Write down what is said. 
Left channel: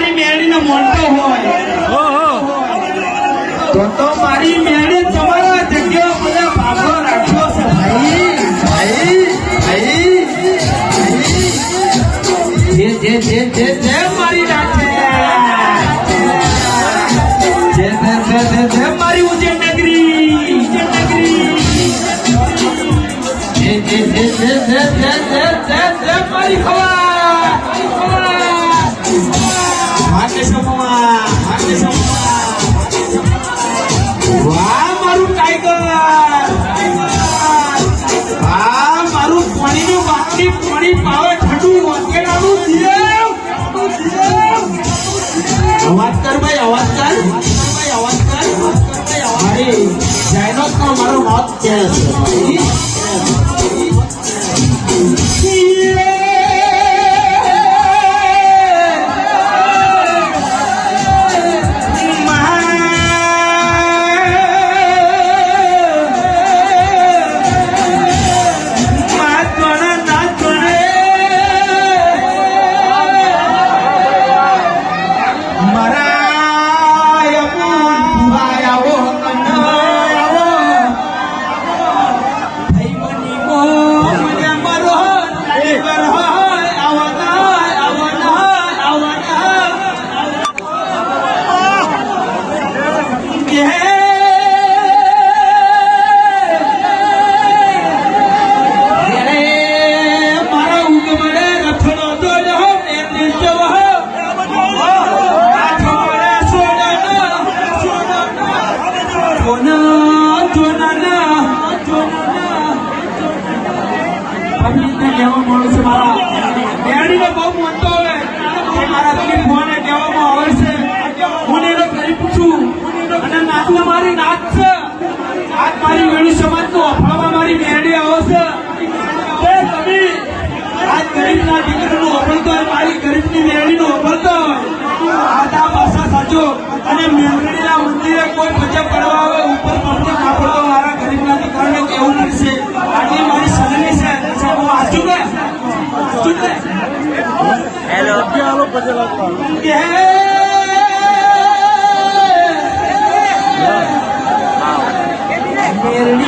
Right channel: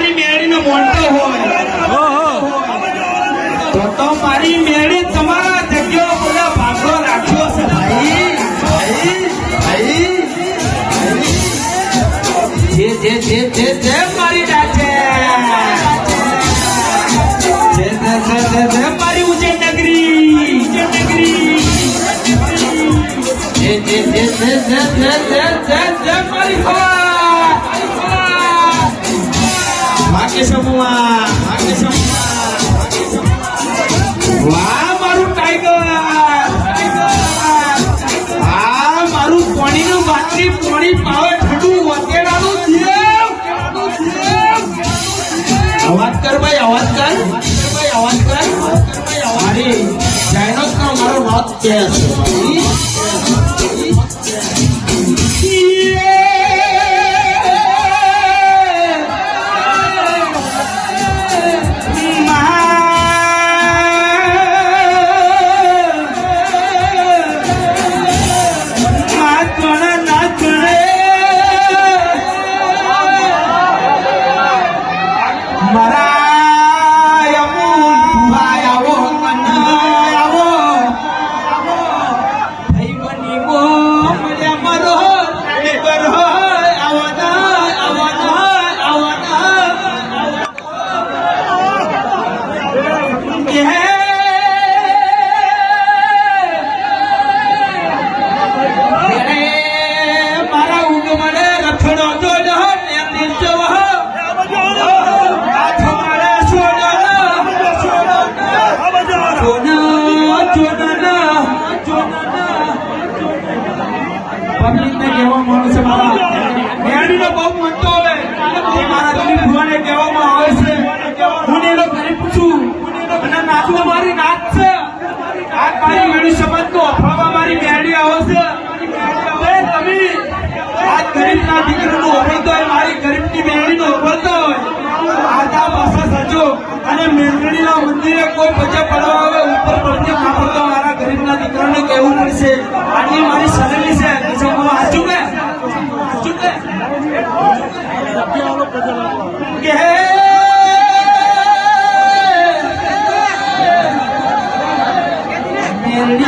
મારી મેળીને મોનતો હોય તો મારી મેળી તમારા જગ્યાઓ બધા ભાગો રાખ્યો છે ભાઈ જે મારી રાતે મારી ઉજ્જૈન નગરી મારી ભાગ્ય સમૂહ વાહ મારું ટાઈગર હા મારું પાણીનું બાટલી પાણી પાવે ઠંડુ વગેરાનું અવાજ કર ભાઈ અવાજ કર મારી ડાયનોસ નો મારો વાત કે પબ્લિકને કહેવા મળે છે મારા મેળીનો બહુ મોટો હોય જે મારા ગરીબ ભુવાને કહેવામાં આવે છે હું એનો ગરીબ છું અને નાચું મારી નાચ છે આજ મારી મેળી સમાજનો અફળામાં મારી મેળી આવે છે તમે આજ ગરીબના દીકરીનું અફળતો હોય મારી ગરીબની મેળીનું અફળતો હોય આજા ભાષા સાચો અને મેળડીના મંદિરે કોઈ ભજે પડવા આવે ઉપર પડતે કાપડતો મારા ગરીબના દીકરાને કહેવું પડશે આટલી મારી સનલી છે હેલો